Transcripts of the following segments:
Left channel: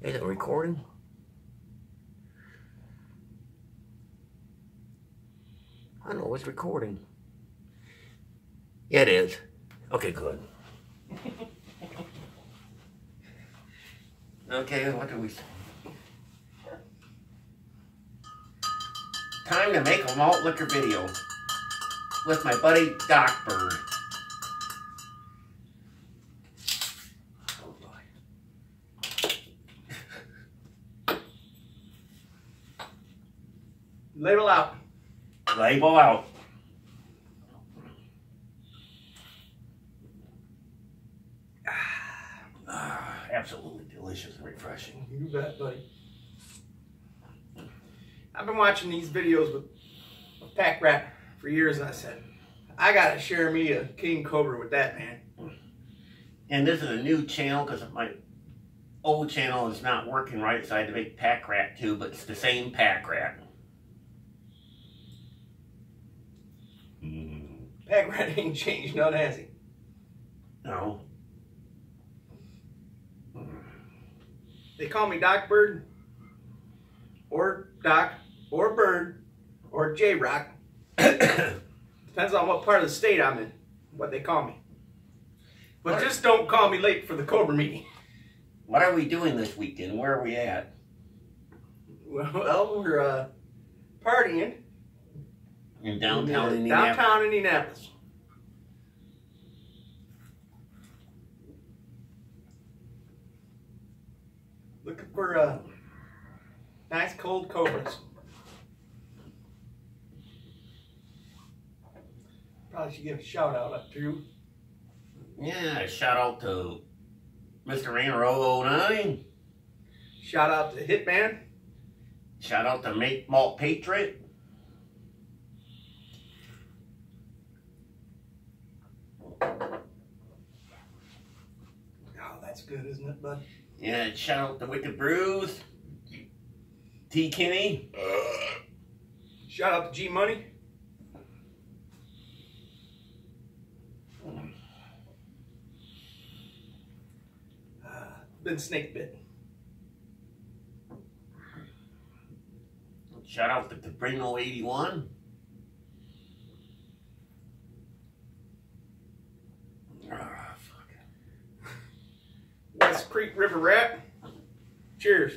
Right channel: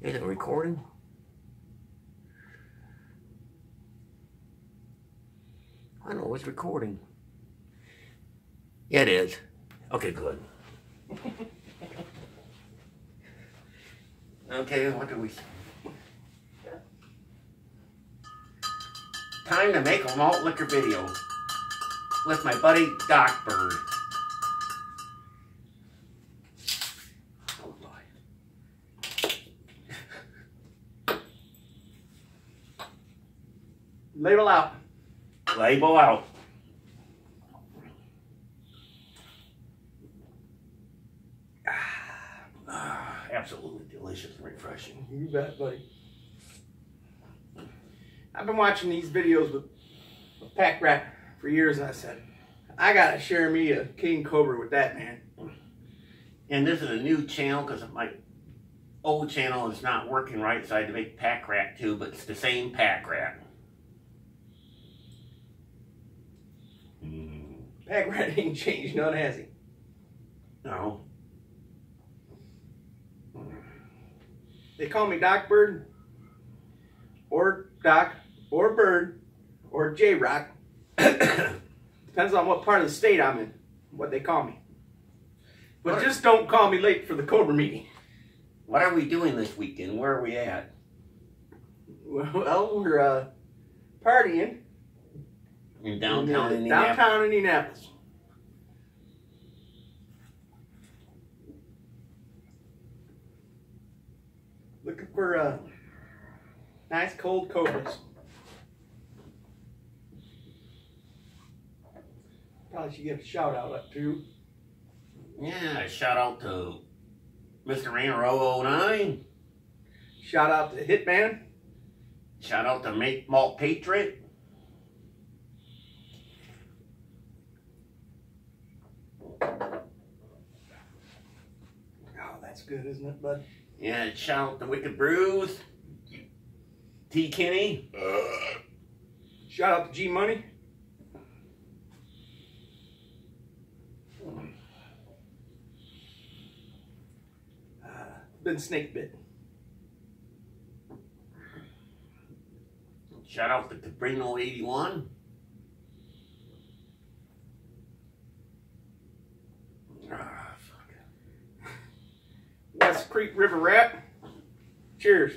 Is it recording? I know it's recording. Yeah, it is. Okay, good. Okay, what do we say? Time to make a malt liquor video with my buddy Doc Bird. Oh boy. Label out. Label out. Absolutely delicious and refreshing. You bet, buddy. I've been watching these videos with Pack Rat for years, and I said, I gotta share me a King Cobra with that man. And this is a new channel because my old channel is not working right, so I had to make Pack Rat too, but it's the same Pack Rat. Pack Rat ain't changed none, has he? No. They call me Doc Bird, or Doc, or Bird, or J-Rock. Depends on what part of the state I'm in, what they call me. But just don't call me late for the Cobra meeting. What are we doing this weekend? Where are we at? Well, we're partying. In downtown Indianapolis. Downtown Indianapolis. Looking for nice cold Cobras. Probably should give a shout out up to. Yeah, shout out to Mr. Rainer 009. Shout out to Hitman. Shout out to Malt Patriot. Oh, that's good, isn't it, bud? Yeah, shout out to Wicked Brews. T. Kenny. Shout out to G Money. Been snake bit. Shout out to Cabrino 81. West Creek River Rat. Cheers.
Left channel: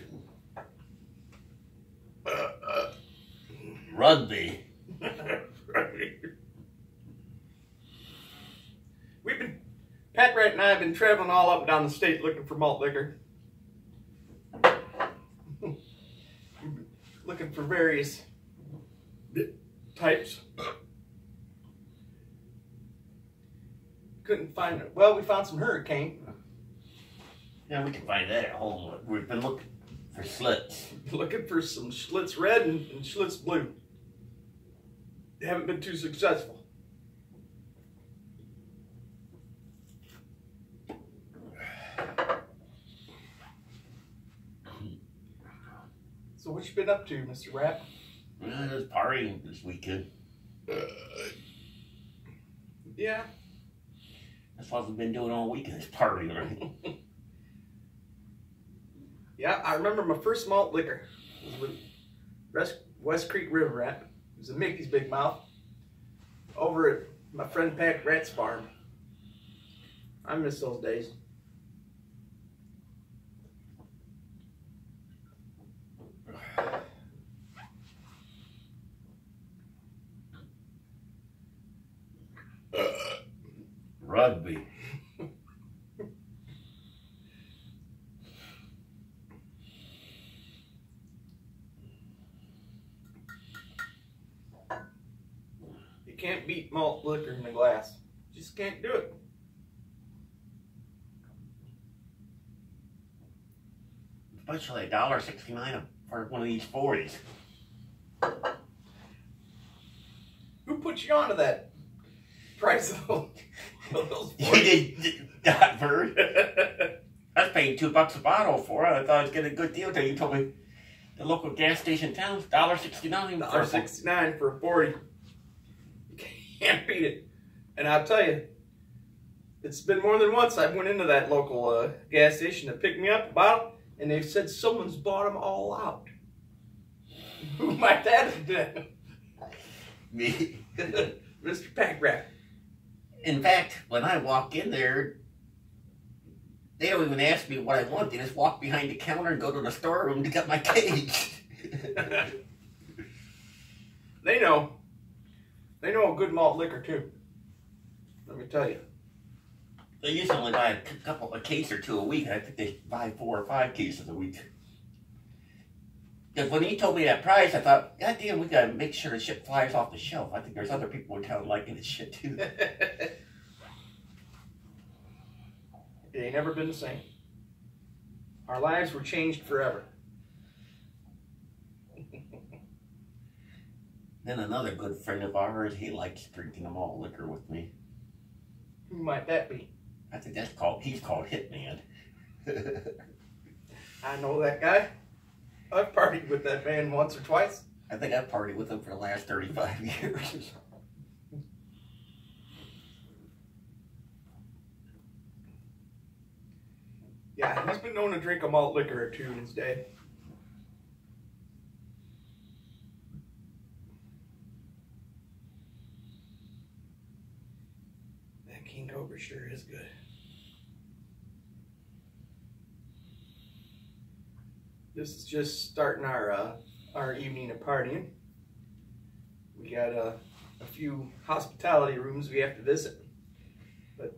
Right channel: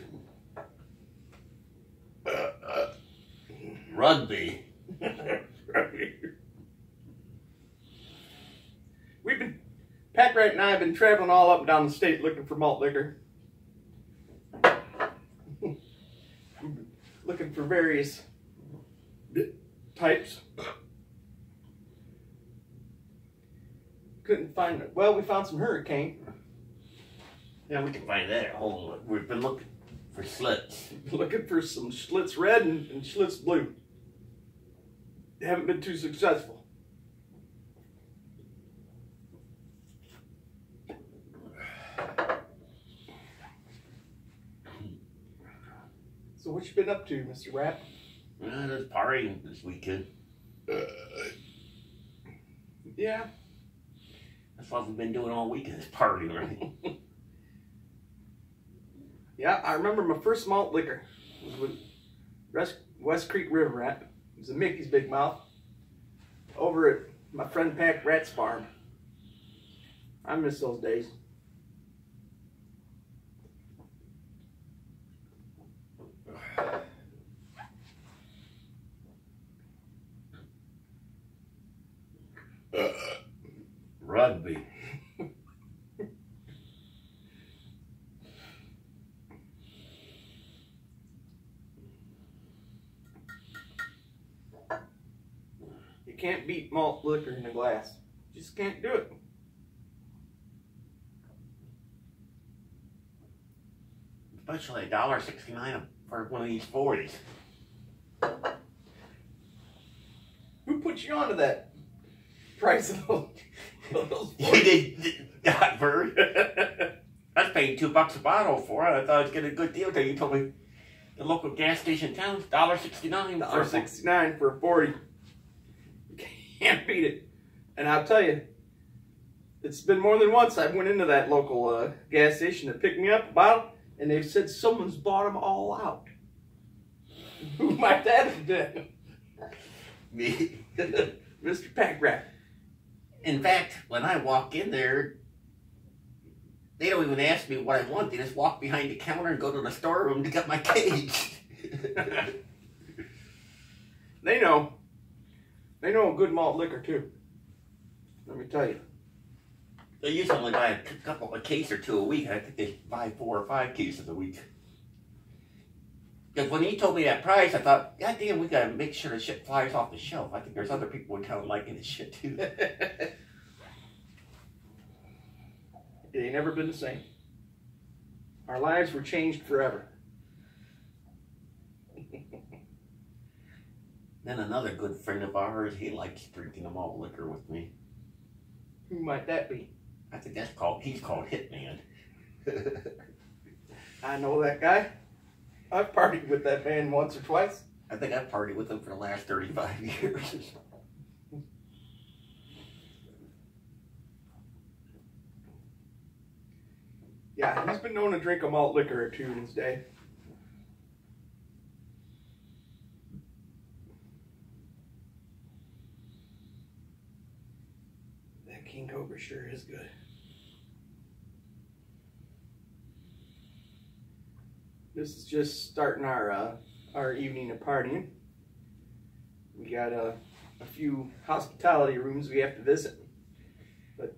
Rugby. Pack Rat and I have been traveling all up and down the state looking for malt liquor. Looking for various types. Couldn't find it. Well, we found some Hurricane. Yeah, we can find that at home. We've been looking for Schlitz. Looking for some Schlitz Red and Schlitz Blue. They haven't been too successful. So what you been up to, Mr. Rat? There's partying this weekend. Yeah. That's what we've been doing all weekend, is partying, right? Yeah, I remember my first malt liquor. It was with West Creek River Rat. It was a Mickey's Big Mouth over at my friend Pack Rat's farm. I miss those days. Rugby. You can't beat malt liquor in a glass. Just can't do it. Especially $1.69 for one of these 40s. Who put you onto that price of those? You did, Doc Bird. I was paying $2 a bottle for it. I thought I was getting a good deal until you told me the local gas station in town is $1.69. $1.69 for a 40. You can't beat it. And I'll tell you, it's been more than once I went into that local gas station to pick me up a bottle, and they've said someone's bought them all out. Who might that have been? Me. Mr. Pack Rat. In fact, when I walk in there, they don't even ask me what I want. They just walk behind the counter and go to the storeroom to get my cage. They know. They know a good malt liquor too. Let me tell you. They usually only buy a case or two a week. I think they buy 4 or 5 cases a week. Because when he told me that price, I thought, God damn, we gotta make sure the shit flies off the shelf. I think there's other people in town liking this shit too. It ain't never been the same. Our lives were changed forever. Then another good friend of ours, he likes drinking the malt liquor with me. Who might that be? I think he's called Hitman. I know that guy. I've partied with that man once or twice. I think I've partied with him for the last 35 years. Yeah, he's been known to drink a malt liquor or two in his day. That King Cobra sure is good. This is just starting our evening of partying. We got a few hospitality rooms we have to visit, but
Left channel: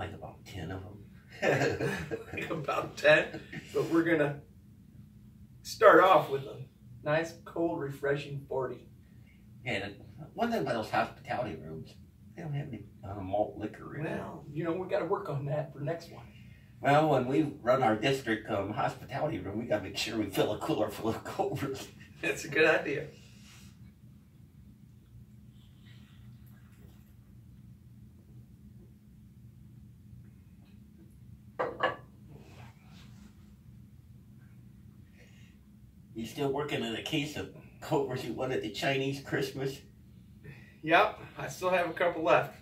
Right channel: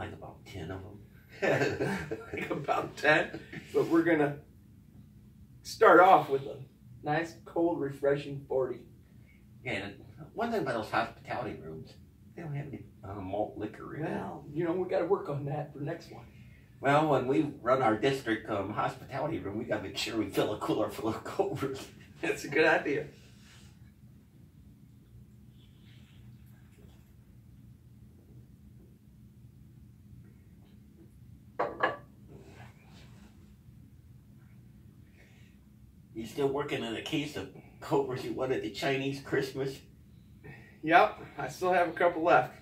Like about 10 of them. like about 10. But we're gonna start off with a nice, cold, refreshing 40. Yeah, one thing about those hospitality rooms, they don't have any malt liquor in it. Well, you know, we got to work on that for next one. Well, when we run our district hospitality room, we gotta make sure we fill a cooler full of Cobras. That's a good idea. You still working on a case of Cobras you won at the Chinese Christmas? Yep, I still have a couple left.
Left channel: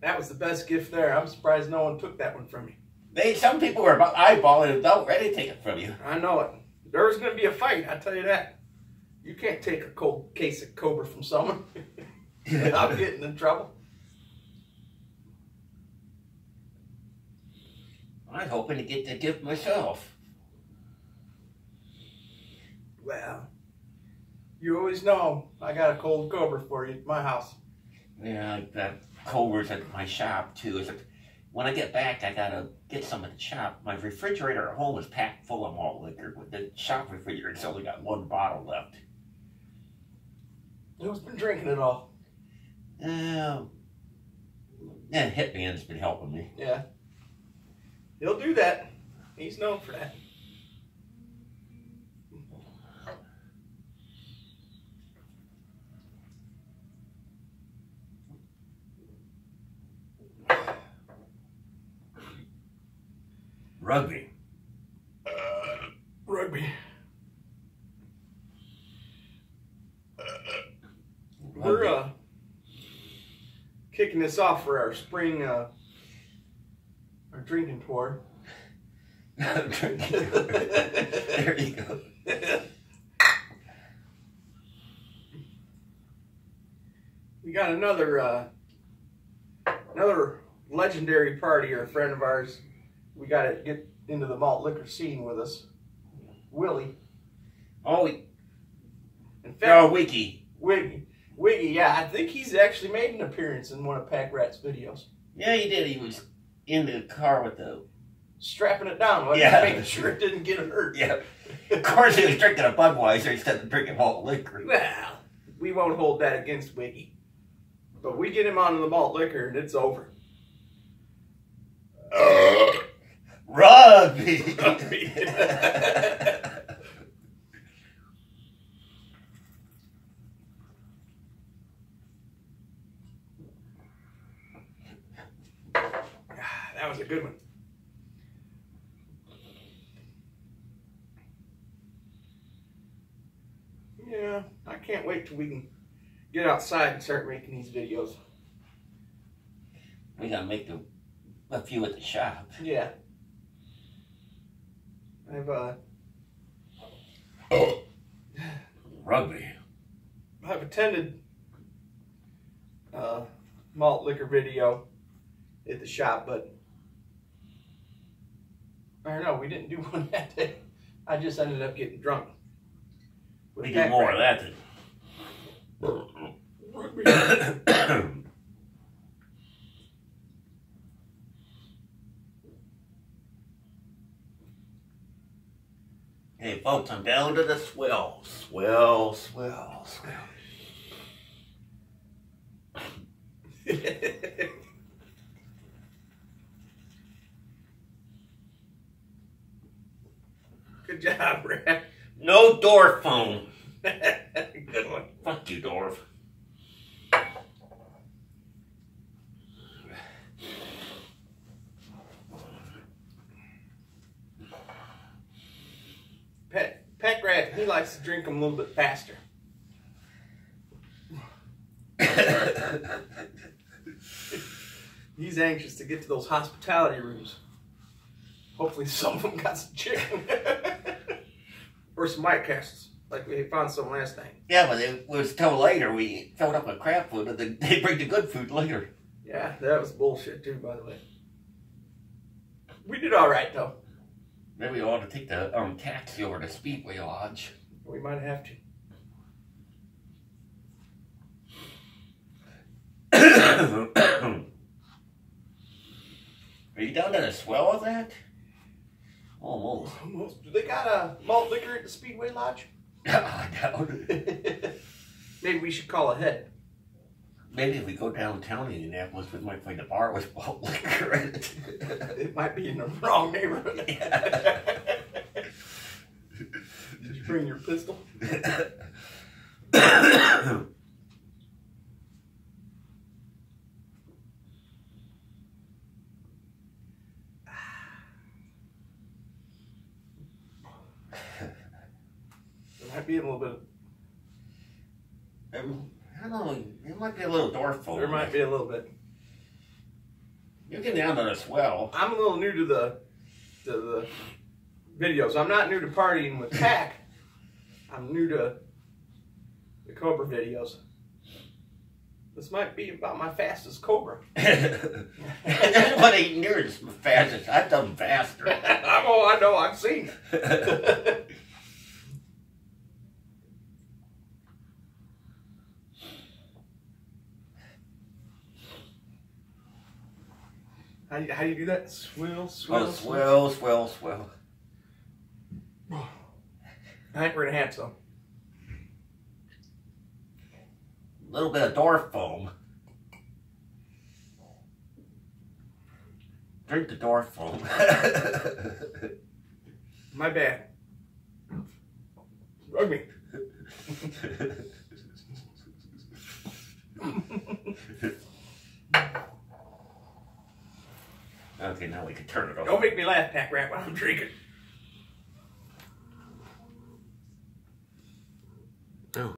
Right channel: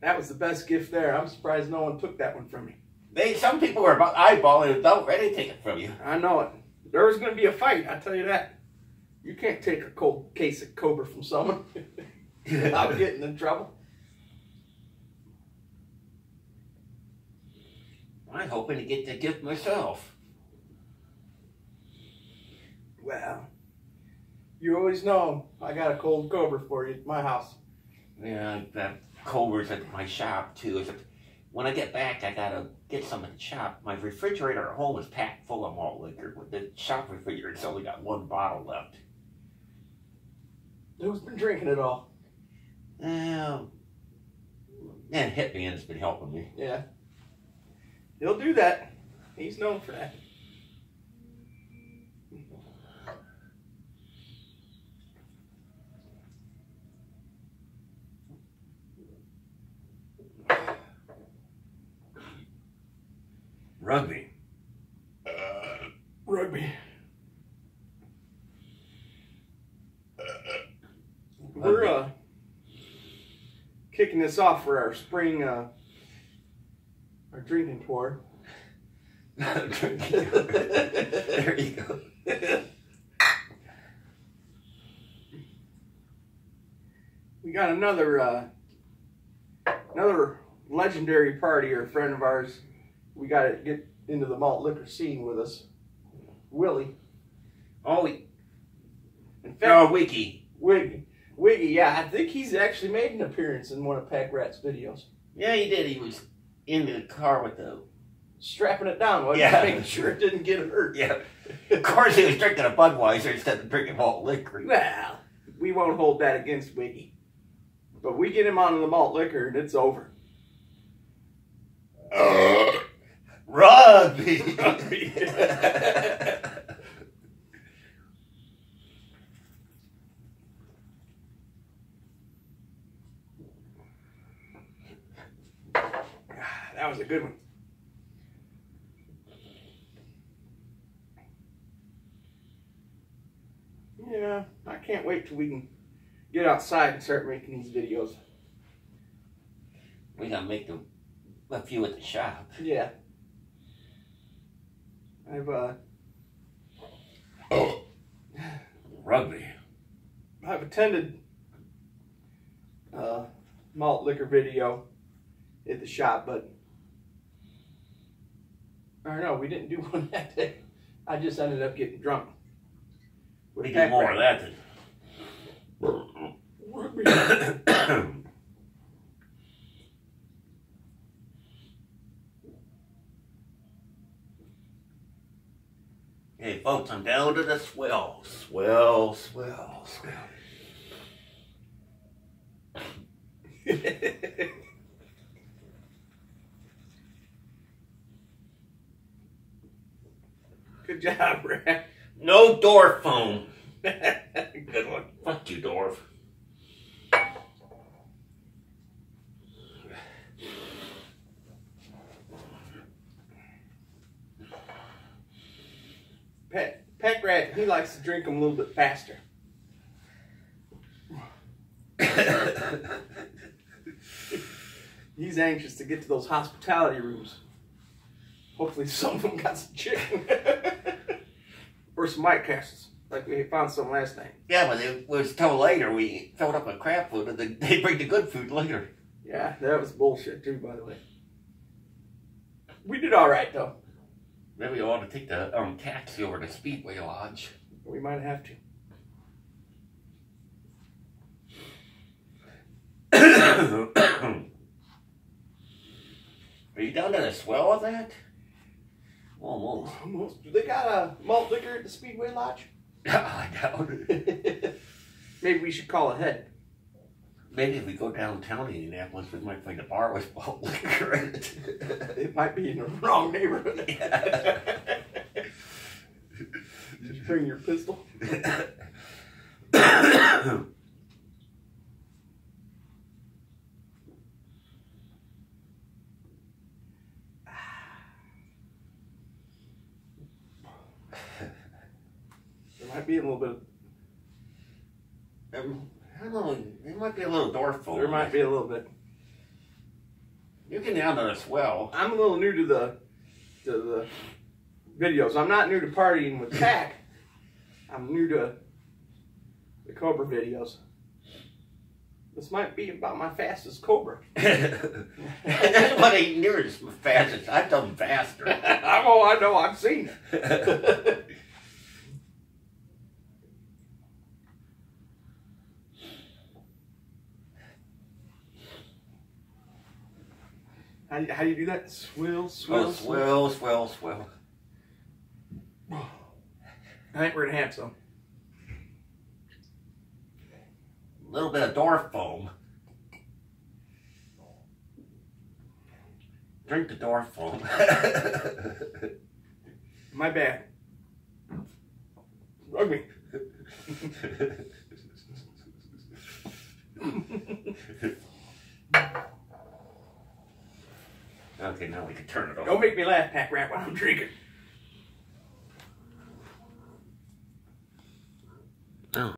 That was the best gift there. I'm surprised no one took that one from me. Some people were about eyeballing it, about ready to take it from you. I know it. There was going to be a fight, I tell you that. You can't take a cold case of Cobra from someone without getting in trouble. I was hoping to get the gift myself. Well, you always know I got a cold Cobra for you at my house. Yeah, I got Cobras at my shop too. When I get back, I gotta get some at the shop. My refrigerator at home is packed full of malt liquor, but the shop refrigerator's only got 1 bottle left. Who's been drinking it all? And Hitman's been helping me. Yeah. He'll do that. He's known for that. Rugby. Rugby. We're kicking this off for our spring our drinking tour. There you go. We got another legendary partier, a friend of ours. We got to get into the malt liquor scene with us. Willie. Oh, In fact, Wiki. Wiggy, yeah, I think he's actually made an appearance in one of Pack Rat's videos. Yeah, he did. He was in the car with the... Strapping it down, wasn't Yeah. he? Making sure it didn't get hurt. Yeah. Of course, he was drinking a Budweiser instead of drinking malt liquor. Well, we won't hold that against Wiggy. But we get him onto the malt liquor and it's over. Rugby. That was a good one. Yeah, I can't wait till we can get outside and start making these videos. We gotta make a few at the shop. Yeah. Rugby. I've attended malt liquor video at the shop, but or no, we didn't do one that day. I just ended up getting drunk. We did more of that than. Hey folks, I'm down to the swell. Good job, Brad. No dwarf foam. Good one. Fuck you, dwarf. Pet Rat, he likes to drink them a little bit faster. He's anxious to get to those hospitality rooms. Hopefully some of them got some chicken. Or some White Castles, like we found some last night. Yeah, but it was till later. We filled up with crap food, and then they bring the good food later. Yeah, that was bullshit too, by the way. We did all right, though. Maybe we ought to take the taxi over to Speedway Lodge. We might have to. Are you down to the swell of that? Almost. Almost. Do they got a malt liquor at the Speedway Lodge? I doubt it. Maybe we should call ahead. Maybe if we go downtown Indianapolis, we might find a bar with malt liquor in it. It might be in the wrong neighborhood. Yeah. Did you bring your pistol? There might be a little bit of... I don't know, it might be a little dwarf foam. There might be a little bit. You get down to the swell. I'm a little new to the videos. I'm not new to partying with Pac. I'm new to the Cobra videos. This might be about my fastest Cobra. Anybody near as fast as I've done faster. I know, I've seen it. How do you do that? Swill. Swell. I think we're gonna have some. A little bit of dwarf foam. Drink the dwarf foam. My bad. Rugby. Okay, now we can turn it off. Don't make me laugh, Pac Rat, while I'm drinking. Oh.